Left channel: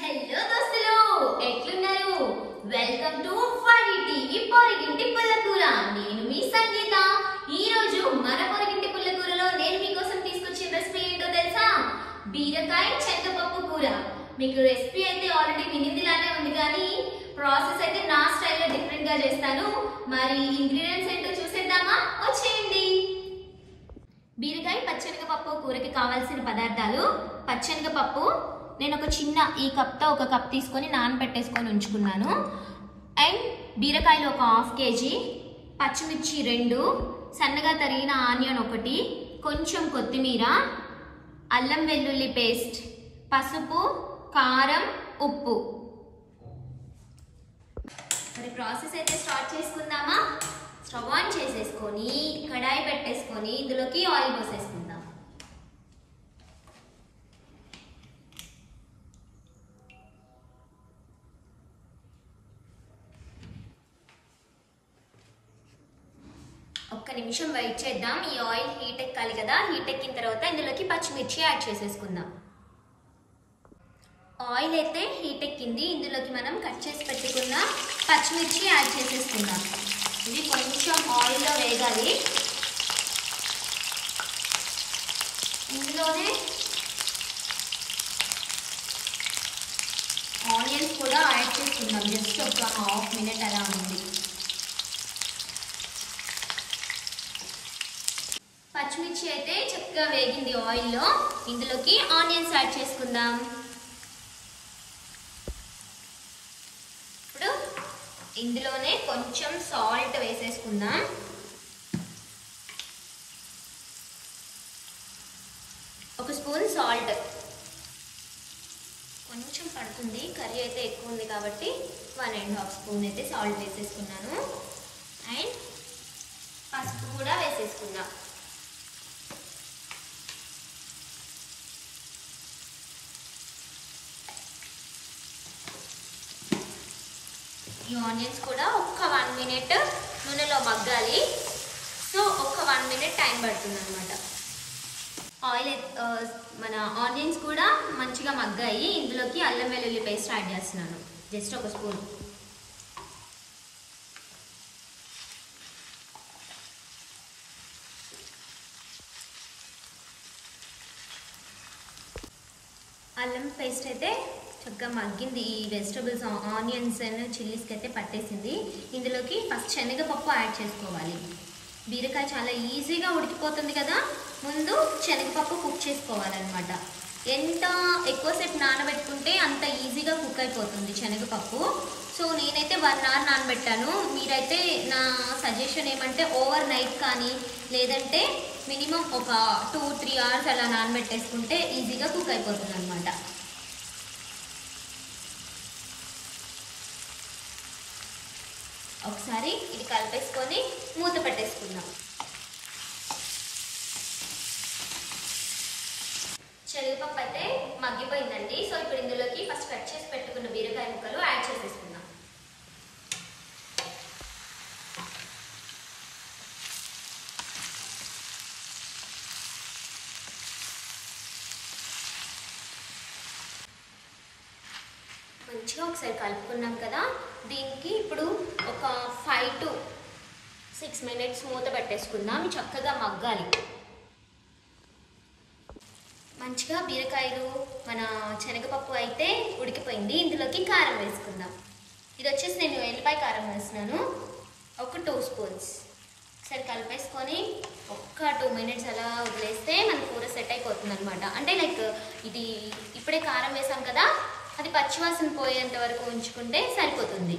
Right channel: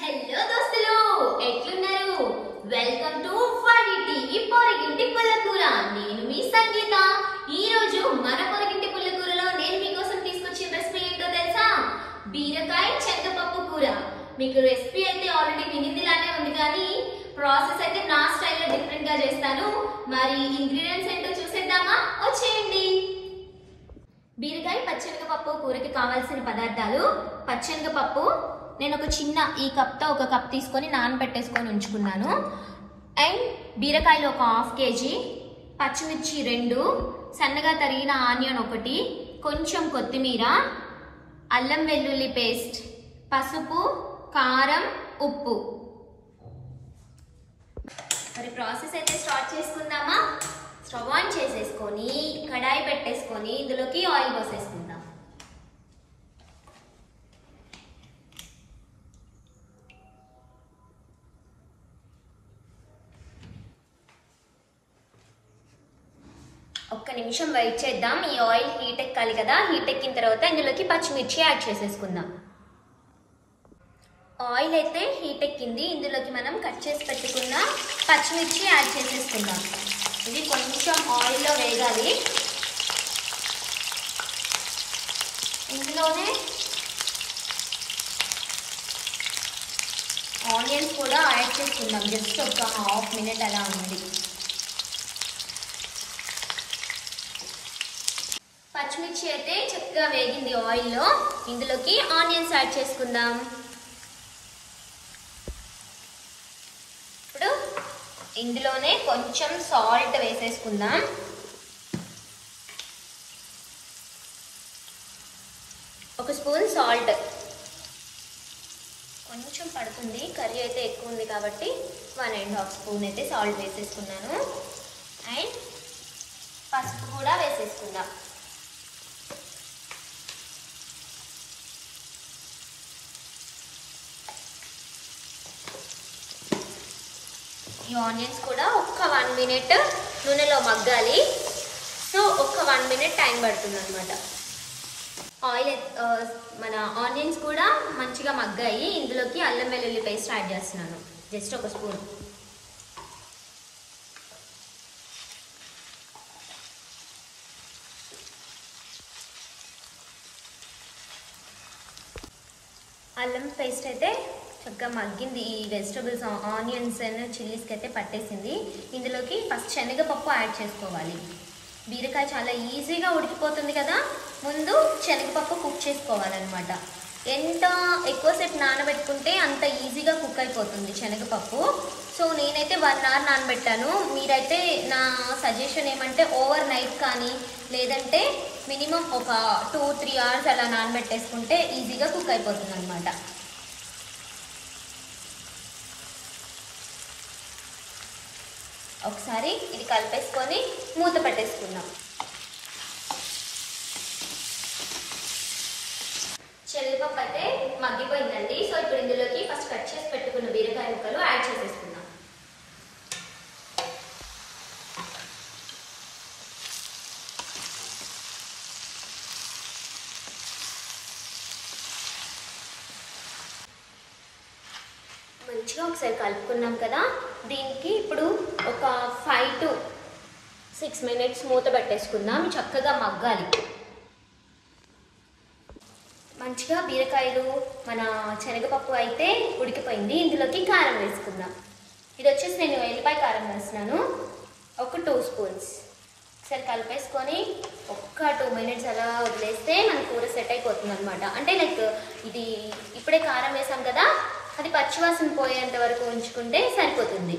Hello దోస్తులు ఎట్లున్నారు welcome to ఫాడిటి పొరగింటి పుల్లకూర నేను మీ సంగీత ఈ రోజు మన పొరగింటి పుల్లకూరలో నేను మీకోసం తీసుకొచ్చిన రెసిపీ ఏంటో తెలుసా బీరకాయ శనగపప్పు కూర మీకు రెసిపీ అయితే ఆల్రెడీ వినిదిలానే ఉంది కానీ ప్రాసెస్ అయితే నా స్టైల్లో డిఫరెంట్ గా చేస్తాను మరి ఇంగ్రీడియెంట్స్ ఏంటో చూసేద్దామా వచ్చేయండి బీరకాయ పచ్చెనగపప్పు కూరకి కావాల్సిన పదార్థాలు పచ్చెనగపప్పు నేను ఒక చిన్న ఈ కప్తో ఒక కప్ తీసుకొని నానబెట్టేసుకొని ఉంచుకున్నాను అండ్ బీరకాయలు ఒక హాఫ్ కేజీ పచ్చిమిర్చి 2 సన్నగా తరిగిన ఆనియన్ 1 కొంచెం కొత్తిమీర అల్లం వెల్లుల్లి పేస్ట్ పసుపు కారం ఉప్పు మరి ప్రాసెస్ అయితే స్టార్ట్ చేసుకుందామా స్టవ్ ఆన్ చేసేసుకొని కడాయి పెట్టేసుకొని ఇందులోకి ఆయిల్ పోసేసుకుందాం ఒక్క నిమిషం వెయిట్ చేద్దాం ఈ ఆయిల్ హీట్ ఎక్కాలి కదా హీట్ ఎక్కిన తర్వాత ఇందులోకి పచ్చిమిర్చి యాడ్ చేసేసుకుందాం ఆయిల్ అయితే హీట్ ఎక్కింది ఇందులోకి మనం కట్ చేసి పెట్టుకున్న పచ్చిమిర్చి యాడ్ చేసేసుకుందాం ఇది కొంచెం ఆయిల్లో వేగాలి ఇందులోనే ఆనియన్స్ కూడా యాడ్ చేసుకుందాం జస్ట్ ఒక హాఫ్ మినిట్ అలా ఉంది పచ్చిమిర్చి అయితే చక్కగా వేగింది ఆయిల్లో ఇందులోకి ఆనియన్స్ యాడ్ చేసుకుందాం ఇప్పుడు ఇందులోనే కొంచెం సాల్ట్ వేసేసుకుందాం ఒక స్పూన్ సాల్ట్ కొంచెం పడుతుంది కర్రీ అయితే ఎక్కువ ఉంది కాబట్టి 1.5 స్పూన్ అయితే సాల్ట్ వేసేసుకున్నాను అండ్ పసుపు కూడా వేసేసుకుందాం ఈ ఆనియన్స్ కూడా ఒక్క 1 మినిట్ నూనెలో మగ్గాలి సో ఒక్క 1 మినిట్ టైం పడుతుంది అనమాట ఆయిల్ మన ఆనియన్స్ కూడా మంచిగా మగ్గాయి ఇందులోకి అల్లం వెల్లుల్లి పేస్ట్ యాడ్ చేస్తున్నాను జస్ట్ ఒక స్పూన్ అల్లం పేస్ట్ అయితే చక్కగా మగ్గింది ఈ వెజిటబుల్స్ ఆనియన్స్ అండ్ చిల్లీస్కి అయితే పట్టేసింది ఇందులోకి ఫస్ట్ శనగపప్పు యాడ్ చేసుకోవాలి బీరకాయ చాలా ఈజీగా ఉడికిపోతుంది కదా ముందు శనగపప్పు కుక్ చేసుకోవాలన్నమాట ఎంత ఎక్కువసేపు నానబెట్టుకుంటే అంత ఈజీగా కుక్ అయిపోతుంది శనగపప్పు సో నేనైతే 1 అవర్ నానబెట్టాను మీరైతే నా సజెషన్ ఏమంటే ఓవర్ నైట్ కానీ లేదంటే మినిమం ఒక 2-3 అవర్స్ అలా నానబెట్టేసుకుంటే ఈజీగా కుక్ అయిపోతుంది అనమాట ఒకసారి ఇది కలిపేసుకొని మూత పెట్టేసుకుందాం శనగపప్పు అయితే మగ్గిపోయిందండి సో ఇప్పుడు ఇందులోకి ఫస్ట్ కట్ చేసి పెట్టుకున్న బీరకాయ ముక్కలు యాడ్ చేసేసుకుందాం మంచిగా ఒకసారి కలుపుకున్నాం కదా దీనికి ఇప్పుడు ఒక 5 to 6 మినిట్స్ మూత పెట్టేసుకుందాం చక్కగా మగ్గాలి మంచిగా బీరకాయలు మన శనగపప్పు అయితే ఉడికిపోయింది ఇందులోకి కారం వేసుకుందాం ఇది వచ్చేసి నేను ఎల్లిపాయ కారం వేస్తున్నాను ఒక 2 స్పూన్స్ ఒకసారి కలిపేసుకొని ఒక్క 2 మినిట్స్ అలా వదిలేస్తే మన కూర సెట్ అయిపోతుంది అనమాట అంటే లైక్ ఇది ఇప్పుడే కారం వేసాం కదా అది పచ్చివాసన పోయేంత వరకు ఉంచుకుంటే సరిపోతుంది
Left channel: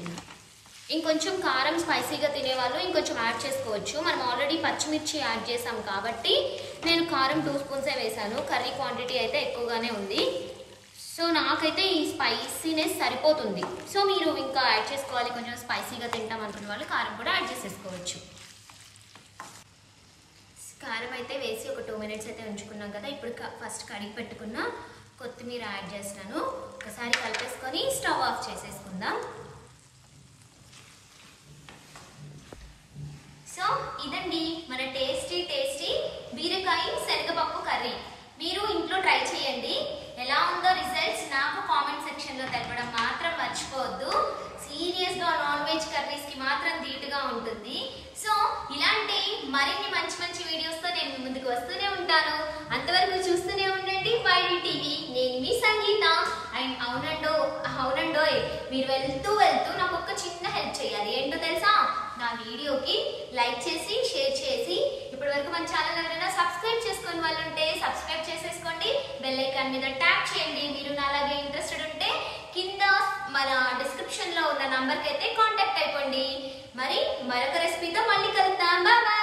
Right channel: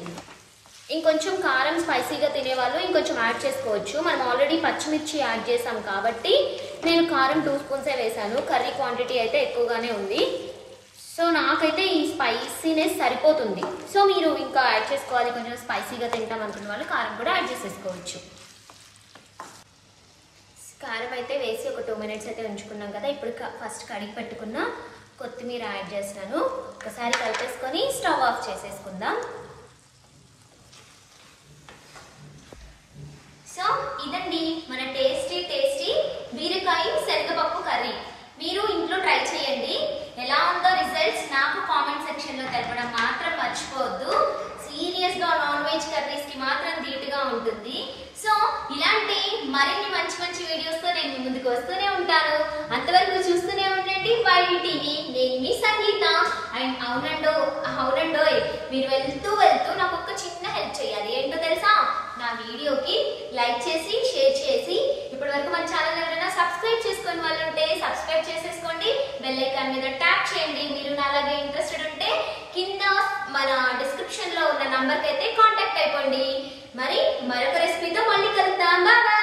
ఇంకొంచెం కారం స్పైసీగా తినేవాళ్ళు ఇంకొంచెం యాడ్ చేసుకోవచ్చు మనం ఆల్రెడీ పచ్చిమిర్చి యాడ్ చేసాం కాబట్టి నేను కారం 2 స్పూన్సే వేసాను కర్రీ క్వాంటిటీ అయితే ఎక్కువగానే ఉంది సో నాకైతే ఈ స్పైసీనెస్ సరిపోతుంది సో మీరు ఇంకా యాడ్ చేసుకోవాలి కొంచెం స్పైసీగా తింటాం అనుకున్న వాళ్ళు కారం కూడా యాడ్ చేసేసుకోవచ్చు కారం అయితే వేసి ఒక 2 మినిట్స్ అయితే ఉంచుకున్నాం కదా ఇప్పుడు ఫస్ట్ కడిగి పెట్టుకున్న కొత్తిమీర యాడ్ చేస్తున్నాను ఒకసారి కలిపేసుకొని స్టవ్ ఆఫ్ చేసేసుకుందాం సో ఇదండి మన టేస్టీ బీరకాయ శనగపప్పు కర్రీ మీరు ఇంట్లో ట్రై చేయండి ఎలా ఉందో రిజల్ట్స్ నాకు కామెంట్ సెక్షన్ లో మర్చిపోవద్దు. సీరియస్ గా నాన్ వెజ్ కర్రీస్ కి మాత్రం ధీటుగా ఉంటుంది. సో ఇలాంటి మరిన్ని మంచి మంచి వీడియోస్ తో నేను ముందుకు వస్తూనే ఉంటాను. అంతవరకు చూస్తూనే ఉండండి వైడి టీవీ. నేను మీ సంగీత. అండ్ అవునండో మీరు వెళ్తూ నాకు ఒక చిన్న హెల్ప్ చేయాలి. ఏంటో తెలుసా? నా వీడియోకి లైక్ చేసి షేర్ చేసి ఇప్పటి వరకు మన ఛానల్ ఎవరైనా సబ్స్క్రైబ్ చేసుకుని వాళ్ళు ఉంటే సబ్స్క్రైబ్ చేసేసుకోండి. బెల్ ఐకాన్ మీద ట్యాప్ చేయండి. మీరు అలాగే ఇంట్రెస్టెడ్ ఉంటే కింద మన డిస్క్రిప్షన్ లో ఉన్న నంబర్ కి అయితే కాంటాక్ట్ అయిపోండి. మరి మరొక రెసిపీతో మళ్ళీ కలుద్దాం. బాయ్.